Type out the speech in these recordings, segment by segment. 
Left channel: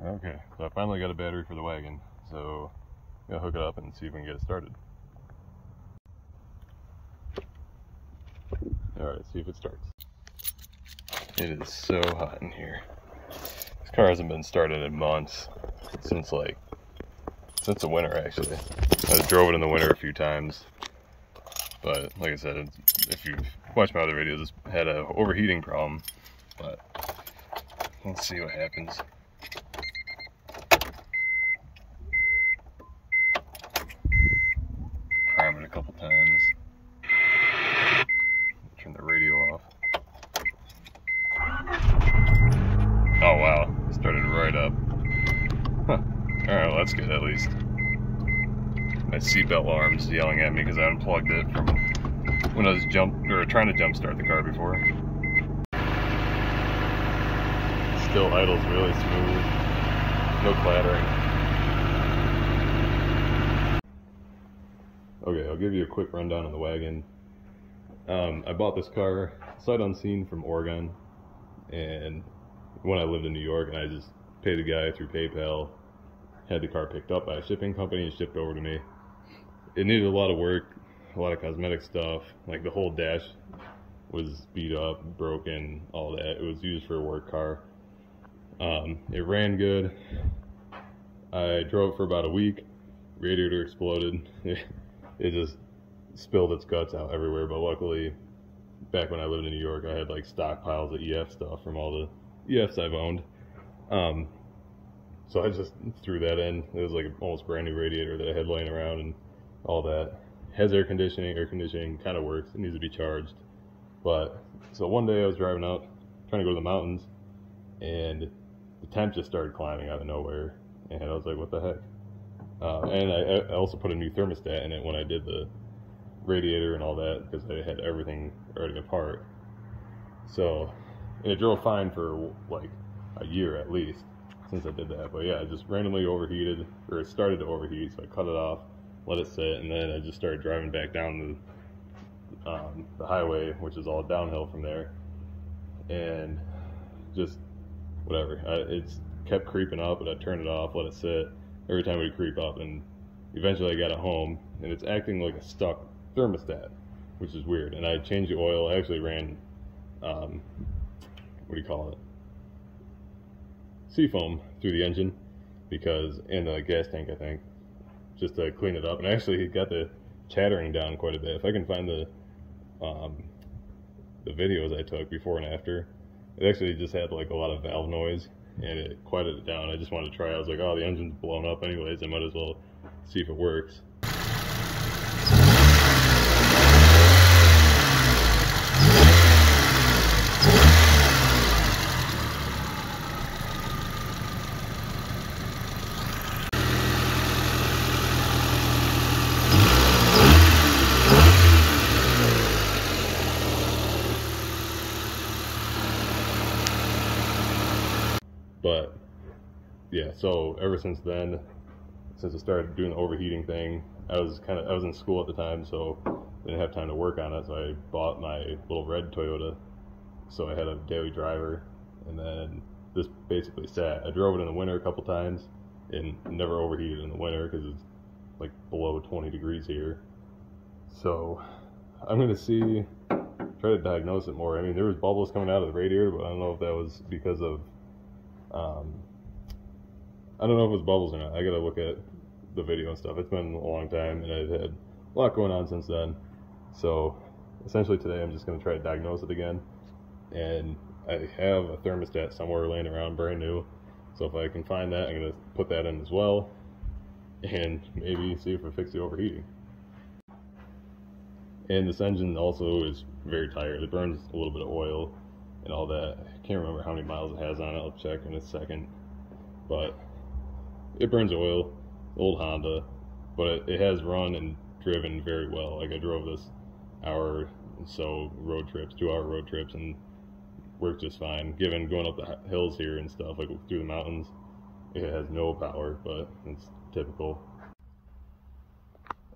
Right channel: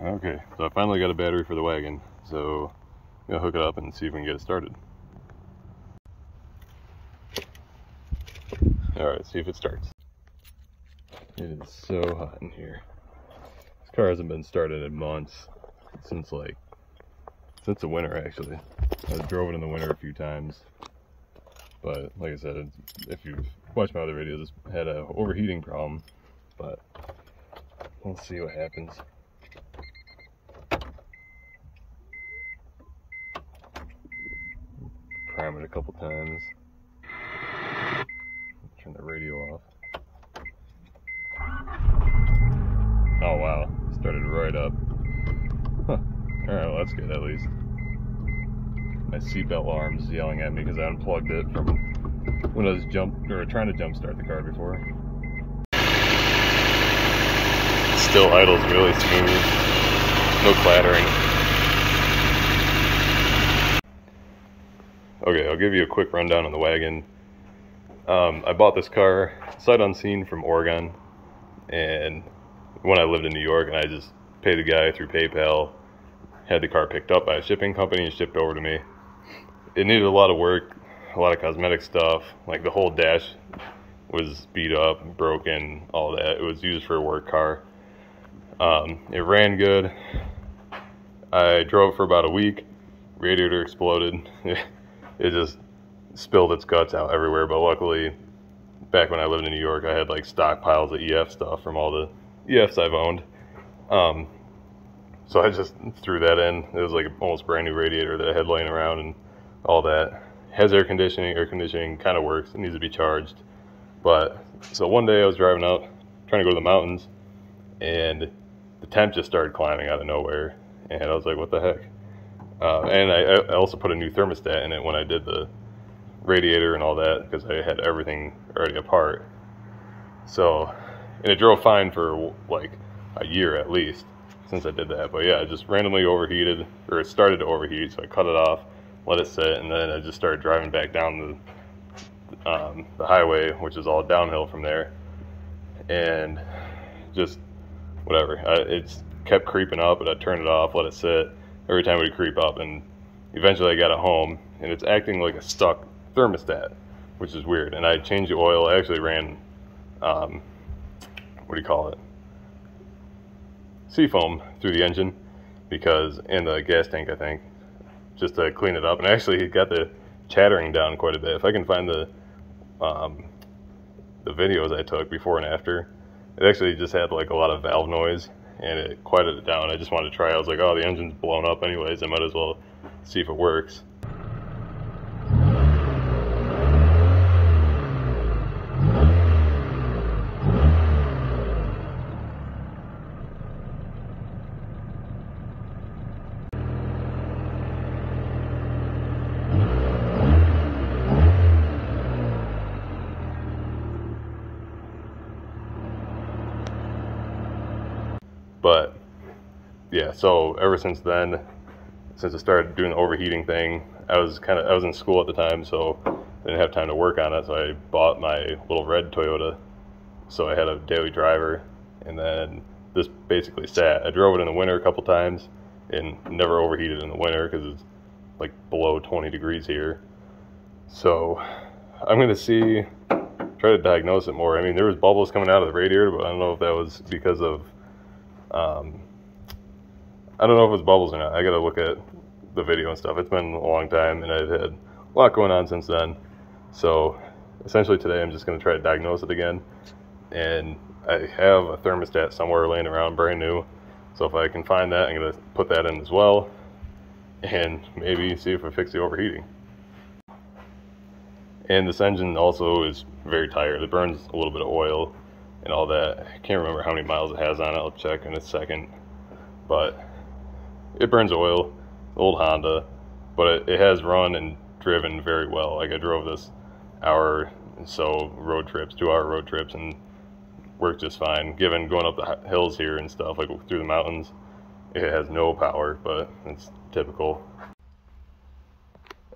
Okay, so I finally got a battery for the wagon, so I'm gonna hook it up and see if we can get it started. Alright, see if it starts. It is so hot in here. This car hasn't been started in months, since the winter actually. I drove it in the winter a few times, but like I said, if you've watched my other videos, it's had a overheating problem, but let's see what happens. Prime it a couple times. Turn the radio off. Oh wow, it started right up. Huh. Alright, well that's good at least. My seatbelt alarm's yelling at me because I unplugged it from when I was trying to jump start the car before. It still idles really smooth. No clattering. Okay, I'll give you a quick rundown on the wagon. I bought this car sight unseen from Oregon, and when I lived in New York, and I just paid the guy through PayPal, had the car picked up by a shipping company and shipped over to me. It needed a lot of work, a lot of cosmetic stuff, like the whole dash was beat up, broken, all that. It was used for a work car. It ran good. I drove it for about a week. Radiator exploded. It just spilled its guts out everywhere, but luckily back when I lived in New York I had like stockpiles of EF stuff from all the EFs I've owned. So I just threw that in. It was like an almost brand new radiator that I had laying around and all that. Has air conditioning kind of works. It needs to be charged. But so one day I was driving out trying to go to the mountains, and the temp just started climbing out of nowhere, and I was like, what the heck? And I also put a new thermostat in it when I did the radiator and all that, because I had everything already apart. So, and it drove fine for like a year at least since I did that. But yeah, it just randomly overheated, or it started to overheat, so I cut it off, let it sit, and then I just started driving back down the highway, which is all downhill from there, and just whatever. It's kept creeping up, but I turned it off, let it sit. Every time it would creep up, and eventually I got it home, and it's acting like a stuck thermostat, which is weird. And I changed the oil. I actually ran, what do you call it? Seafoam through the engine, and the gas tank, I think, just to clean it up. And actually it got the chattering down quite a bit. If I can find the videos I took before and after, it actually just had like a lot of valve noise, and it quieted it down. I just wanted to try. I was like, oh, the engine's blown up anyways, I might as well see if it works. But yeah, so ever since then, since I started doing the overheating thing, I was in school at the time, so I didn't have time to work on it. So I bought my little red Toyota, so I had a daily driver, and then this basically sat. I drove it in the winter a couple times and never overheated in the winter because it's like below 20 degrees here. So I'm gonna try to diagnose it more. I mean, there was bubbles coming out of the radiator, but I don't know if that was because of I don't know if it's bubbles or not. I gotta look at the video and stuff. It's been a long time, and I've had a lot going on since then. So essentially today I'm just gonna try to diagnose it again. And I have a thermostat somewhere laying around brand new. So if I can find that, I'm gonna put that in as well, and maybe see if I fix the overheating. And this engine also is very tired. It burns a little bit of oil and all that. I can't remember how many miles it has on it. I'll check in a second. But it burns oil, old Honda, but it has run and driven very well. Like I drove this hour and so road trips, 2-hour road trips, and worked just fine. Given going up the hills here and stuff, like through the mountains, it has no power, but it's typical.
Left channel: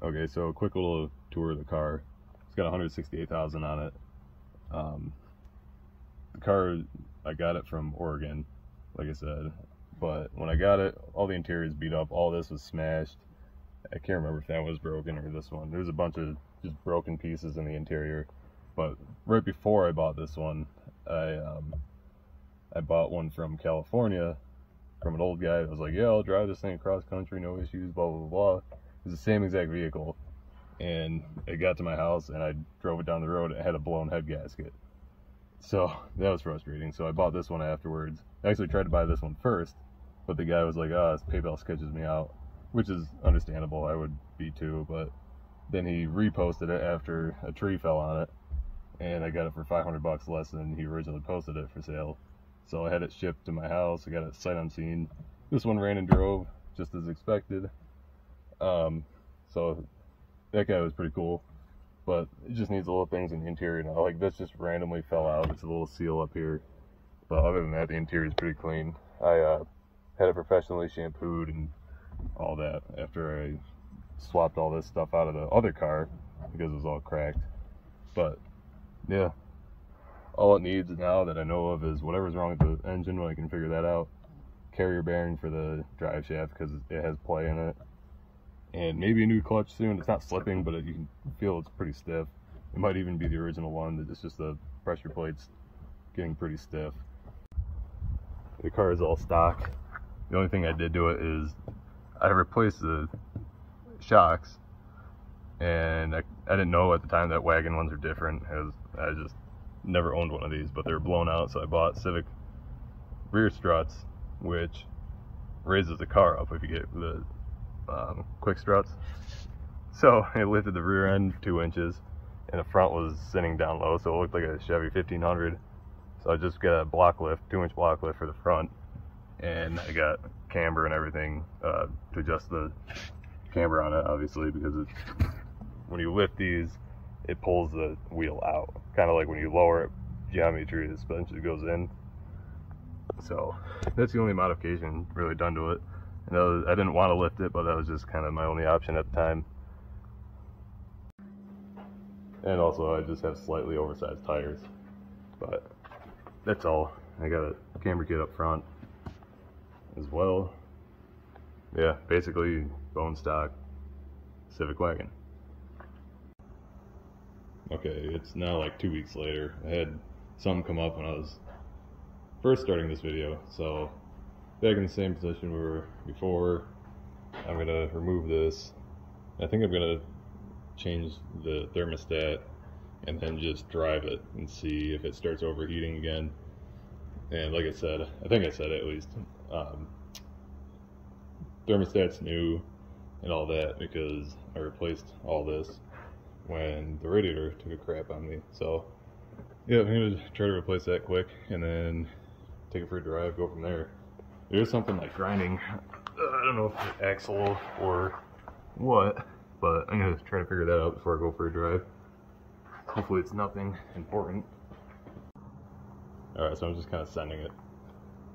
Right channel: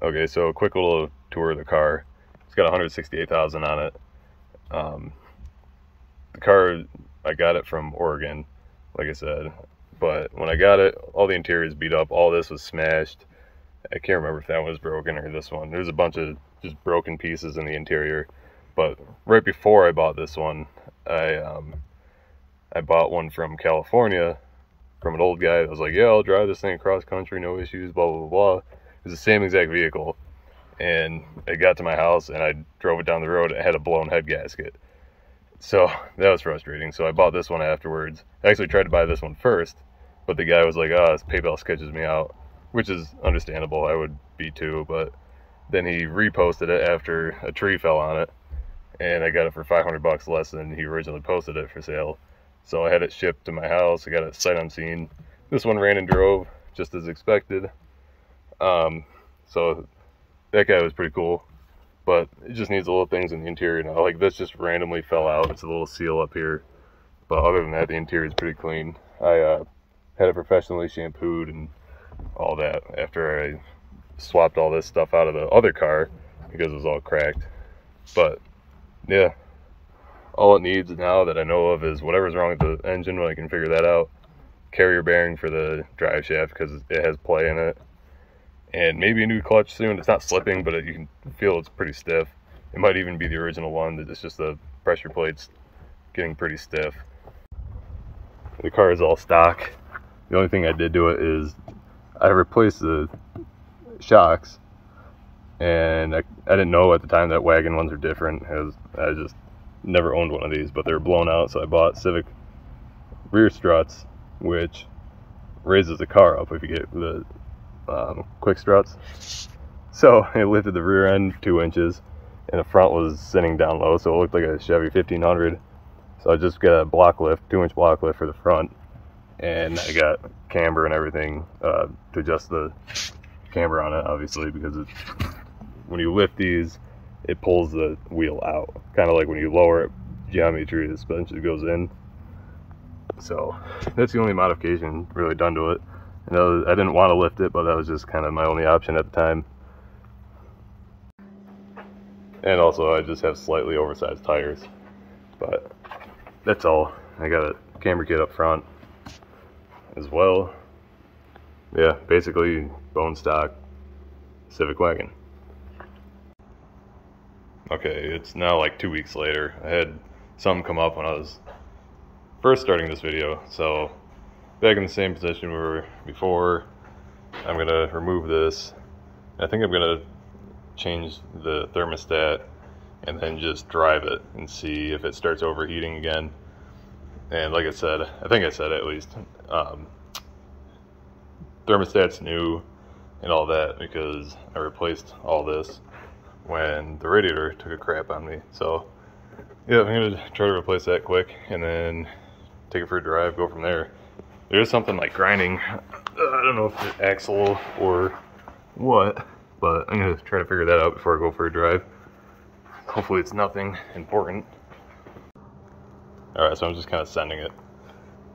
Okay, so a quick little tour of the car. It's got 168,000 on it. The car, I got it from Oregon, like I said, But when I got it, all the interior is beat up. All this was smashed. I can't remember if that one was broken or this one. There's a bunch of just broken pieces in the interior. But right before I bought this one, I bought one from California from an old guy that was like, yeah, I'll drive this thing across country, no issues, blah, blah, blah. It's the same exact vehicle. And it got to my house and I drove it down the road. It had a blown head gasket. So that was frustrating. So I bought this one afterwards. I actually tried to buy this one first, but the guy was like, oh, this PayPal sketches me out, which is understandable. I would be too. But then he reposted it after a tree fell on it, and I got it for $500 less than he originally posted it for sale. So I had it shipped to my house. I got it sight unseen. This one ran and drove just as expected. So that guy was pretty cool, but it just needs little things in the interior now. Like this just randomly fell out. It's a little seal up here, but other than that, the interior is pretty clean. I had it professionally shampooed and all that after I swapped all this stuff out of the other car because it was all cracked. But yeah, all it needs now that I know of is whatever's wrong with the engine, when I can figure that out. Carrier bearing for the drive shaft because it has play in it. And maybe a new clutch soon. It's not slipping, but you can feel it's pretty stiff. It might even be the original one. It's just the pressure plate's getting pretty stiff. The car is all stock. The only thing I did to it is I replaced the shocks, and I didn't know at the time that wagon ones are different, as I just never owned one of these, but they were blown out. So I bought Civic rear struts, which raises the car up if you get the quick struts. So it lifted the rear end 2 inches, and the front was sitting down low, so it looked like a Chevy 1500. So I just got a block lift, 2-inch block lift for the front, and I got camber and everything to adjust the camber on it, obviously, because it's, when you lift these, it pulls the wheel out, kind of like when you lower it, geometry, the suspension goes in. So that's the only modification really done to it. You know, I didn't want to lift it, but that was just kind of my only option at the time. And also I just have slightly oversized tires, but that's all. I got a camber kit up front as well. Yeah, basically bone stock Civic wagon. Okay, it's now like 2 weeks later. I had something come up when I was first starting this video, so back in the same position we were before. I'm gonna remove this. I think I'm gonna change the thermostat and then just drive it and see if it starts overheating again. And like I said, I think I said at least, thermostat's new and all that because I replaced all this when the radiator took a crap on me. So yeah, I'm gonna try to replace that quick and then take it for a drive, go from there. There's something like grinding. I don't know if it's axle or what, but I'm gonna try to figure that out before I go for a drive. Hopefully it's nothing important. Alright, so I'm just kind of sending it.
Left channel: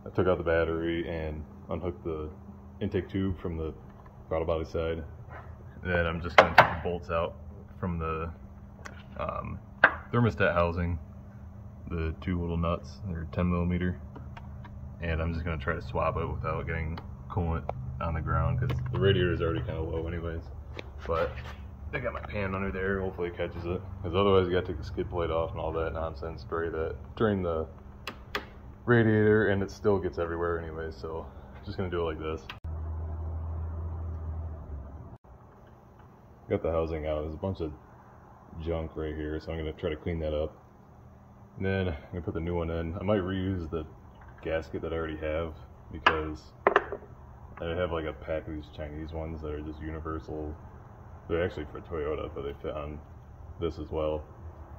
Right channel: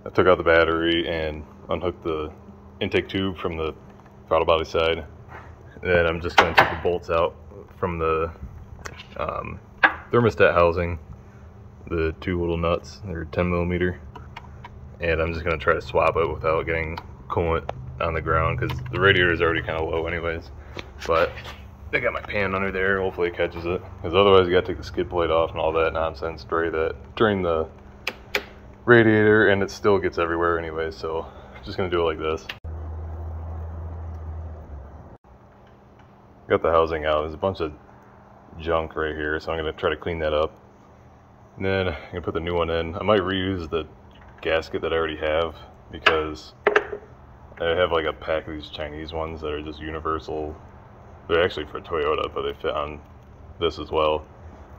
I took out the battery and unhooked the intake tube from the throttle body side. Then I'm just gonna take the bolts out from the thermostat housing, the 2 little nuts. They're 10mm. And I'm just going to try to swap it without getting coolant on the ground because the radiator is already kind of low anyways. But I got my pan under there, hopefully it catches it, because otherwise you got to take the skid plate off and all that nonsense, drain the radiator, and it still gets everywhere anyways, so I'm just going to do it like this. Got the housing out. There's a bunch of junk right here, so I'm going to try to clean that up. And then I'm going to put the new one in. I might reuse the gasket that I already have because I have like a pack of these Chinese ones that are just universal. They're actually for Toyota, but they fit on this as well.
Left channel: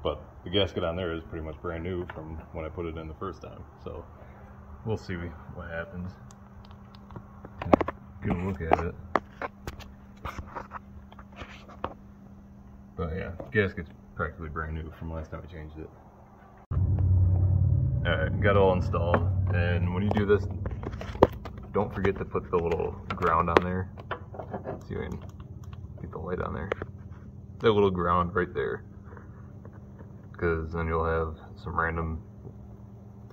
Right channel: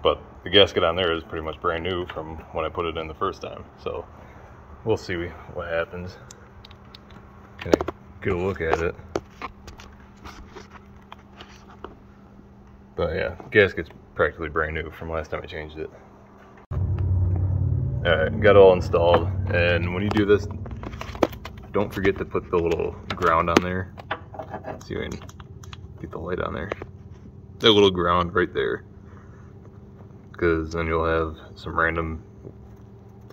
But the gasket on there is pretty much brand new from when I put it in the first time. So we'll see what happens. Can I get a look at it? But yeah, gasket's practically brand new from last time I changed it. Alright, got it all installed, and when you do this, don't forget to put the little ground on there. Let's see if I can get the light on there. That little ground right there, because then you'll have some random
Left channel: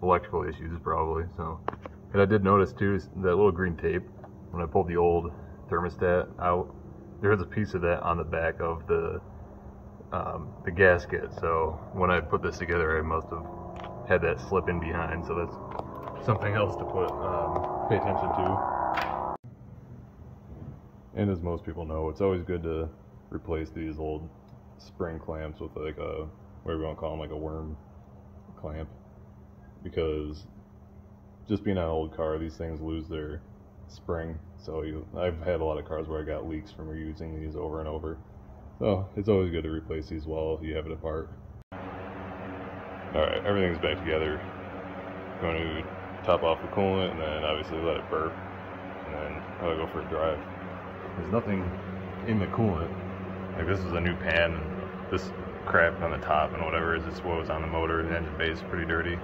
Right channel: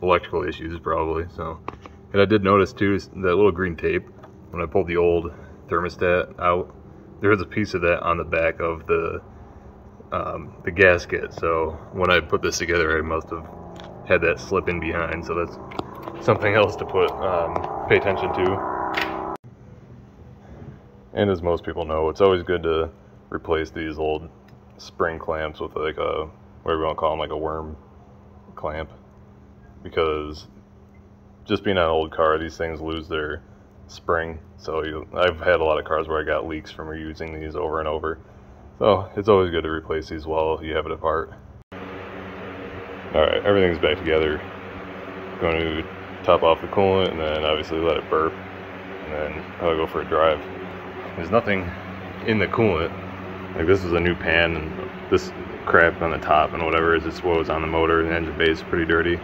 electrical issues probably. So And I did notice too, that little green tape, when I pulled the old thermostat out, there was a piece of that on the back of the gasket. So when I put this together, I must have had that slip in behind. So that's something else to pay attention to. And as most people know, it's always good to replace these old spring clamps with like a, whatever you want to call them, like a worm clamp, because just being on an old car, these things lose their spring. So I've had a lot of cars where I got leaks from reusing these over and over. So it's always good to replace these while you have it apart. Alright, everything's back together. Going to top off the coolant and then obviously let it burp. And then I'll go for a drive. There's nothing in the coolant. Like, this is a new pan, and this crap on the top and whatever is just what was on the motor, and the engine bay is pretty dirty.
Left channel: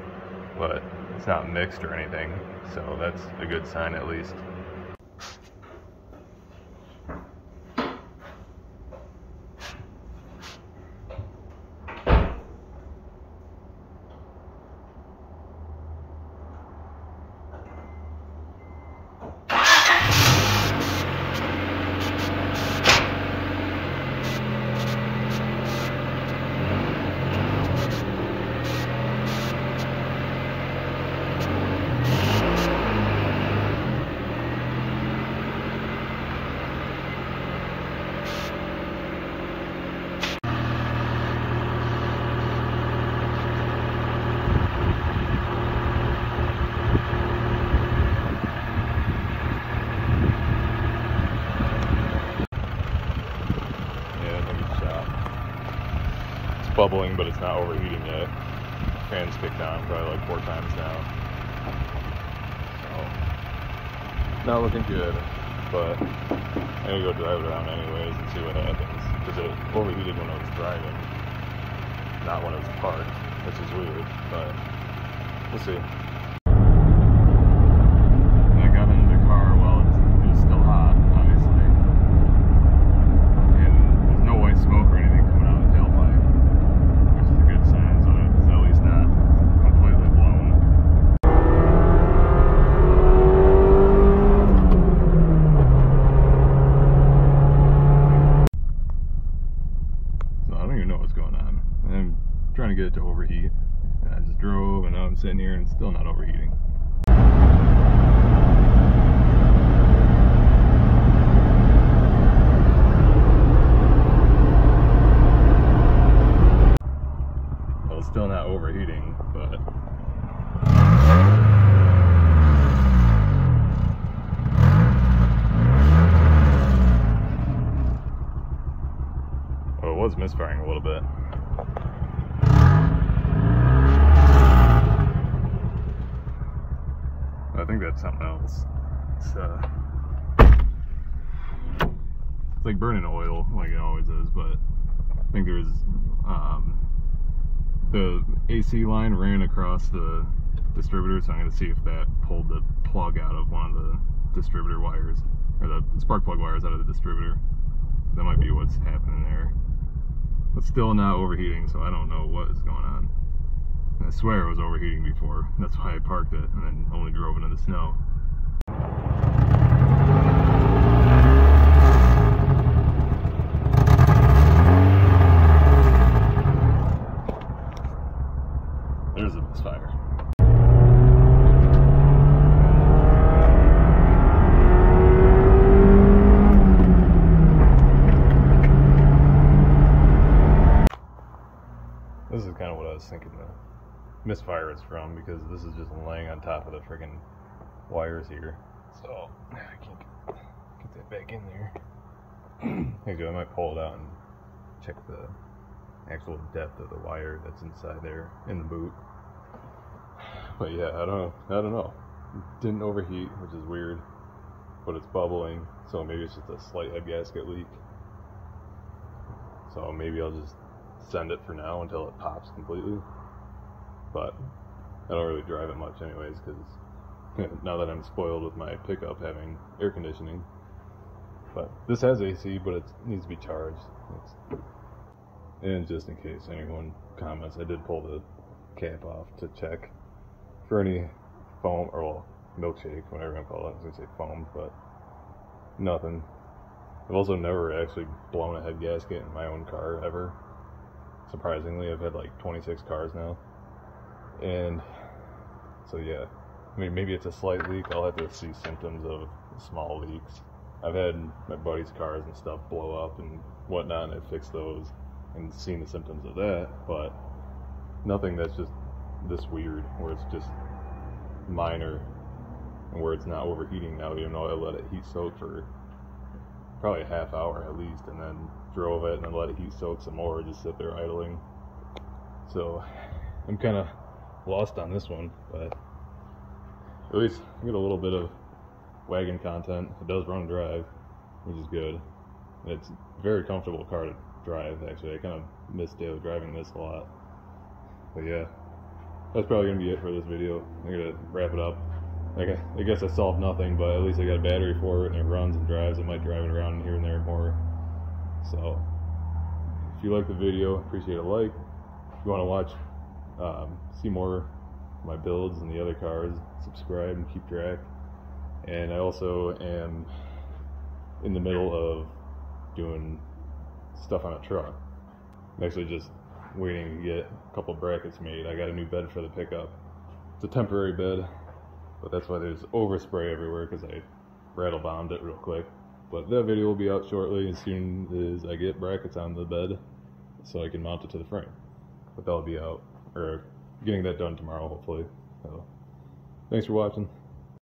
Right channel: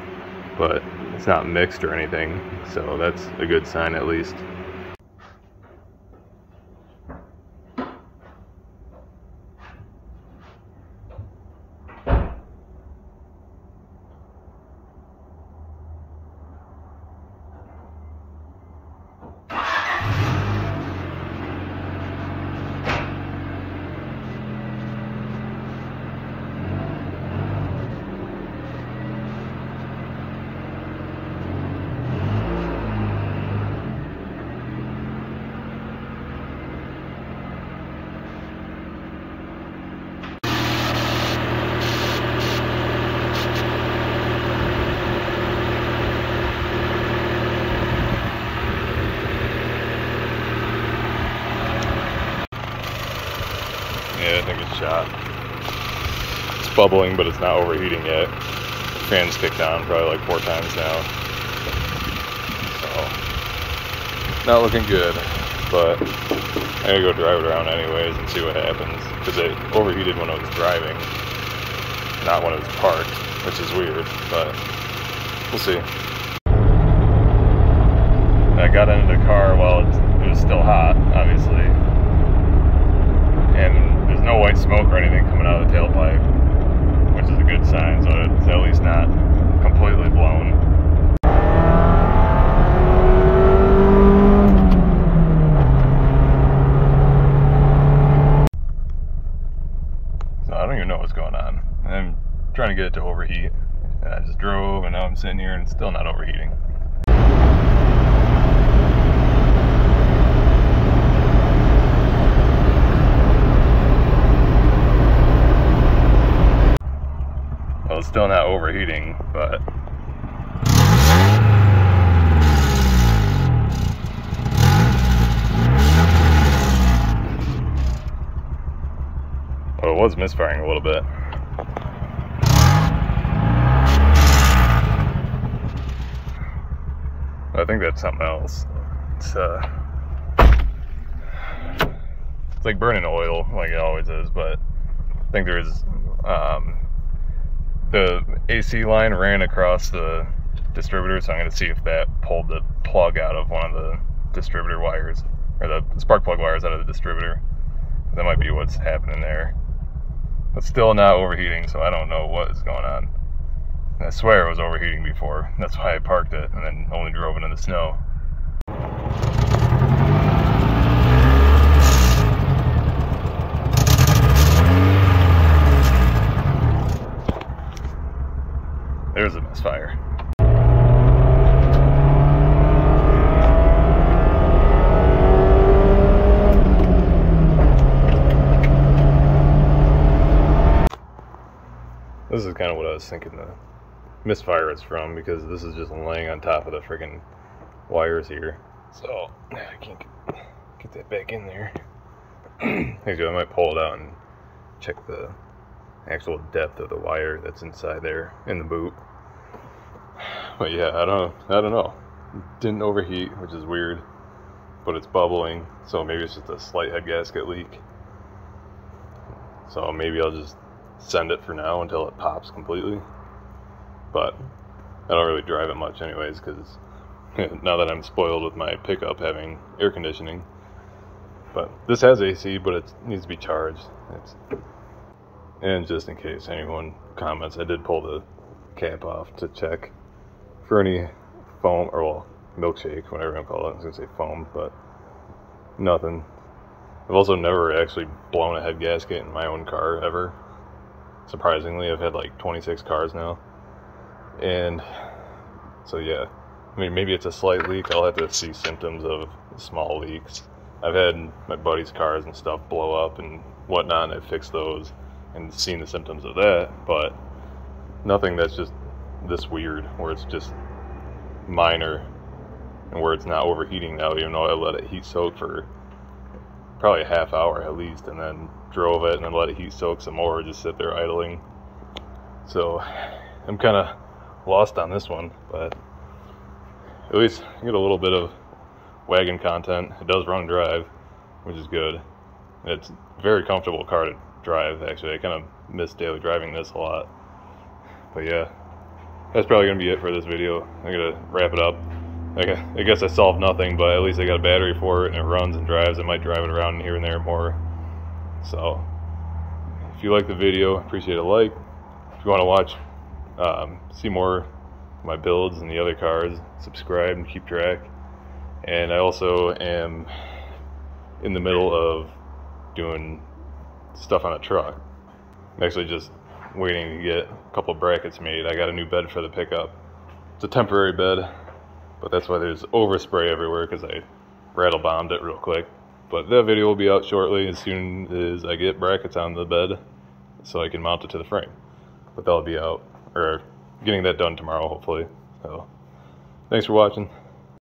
But it's not mixed or anything, so that's a good sign at least. Yeah, I think it's shot. It's bubbling, but it's not overheating yet. Fan's kicked on probably like 4 times now. So, not looking good, but I'm gonna go drive it around anyways and see what happens. Because it overheated when I was driving, not when it was parked, which is weird, but we'll see. I got into the car while it was still hot, obviously. And there's no white smoke or anything coming out of the tailpipe, which is a good sign, so it's at least not completely blown. So I don't even know what's going on. I'm trying to get it to overheat. And I just drove, and now I'm sitting here and it's still not overheating. It's still not overheating, but well, it was misfiring a little bit. I think that's something else. It's like burning oil, like it always is, but I think there's the AC line ran across the distributor, so I'm going to see if that pulled the plug out of one of the distributor wires, or the spark plug wires out of the distributor. That might be what's happening there. It's still not overheating, so I don't know what is going on. And I swear it was overheating before. That's why I parked it and then only drove it in the snow. There's a misfire. This is kind of what I was thinking the misfire is from, because this is just laying on top of the freaking wires here. So I can't get that back in there. Actually, I might pull it out and check the actual depth of the wire that's inside there in the boot. But yeah, I don't know. It didn't overheat, which is weird, but it's bubbling, so maybe it's just a slight head gasket leak. So maybe I'll just send it for now until it pops completely. But I don't really drive it much anyways, because now that I'm spoiled with my pickup having air conditioning. But this has AC, but it needs to be charged. And just in case anyone comments, I did pull the cap off to check for any foam, or well, milkshake, whatever you call it. I was gonna say foam, but nothing. I've also never actually blown a head gasket in my own car ever. Surprisingly, I've had like 26 cars now, and so yeah. I mean, maybe it's a slight leak. I'll have to see symptoms of small leaks. I've had my buddies' cars and stuff blow up and whatnot, and I've fixed those and seen the symptoms of that, but nothing that's just this weird, where it's just minor and where it's not overheating now, even though I let it heat soak for probably a half hour at least, and then drove it and then let it heat soak some more, just sit there idling. So I'm kind of lost on this one, but at least I get a little bit of wagon content. It does run and drive, which is good. It's a very comfortable car to drive, actually. I kind of miss daily driving this a lot. But yeah, that's probably going to be it for this video. I'm going to wrap it up. I guess I solved nothing, but at least I got a battery for it and it runs and drives. I might drive it around here and there more. So if you like the video, appreciate a like. If you want to watch, see more of my builds and the other cars, subscribe and keep track. And I also am in the middle of doing stuff on a truck. I'm actually just waiting to get a couple brackets made. I got a new bed for the pickup. It's a temporary bed, but that's why there's overspray everywhere, because I rattle bombed it real quick. But that video will be out shortly as soon as I get brackets on the bed so I can mount it to the frame. But that'll be out, or getting that done tomorrow hopefully. So thanks for watching.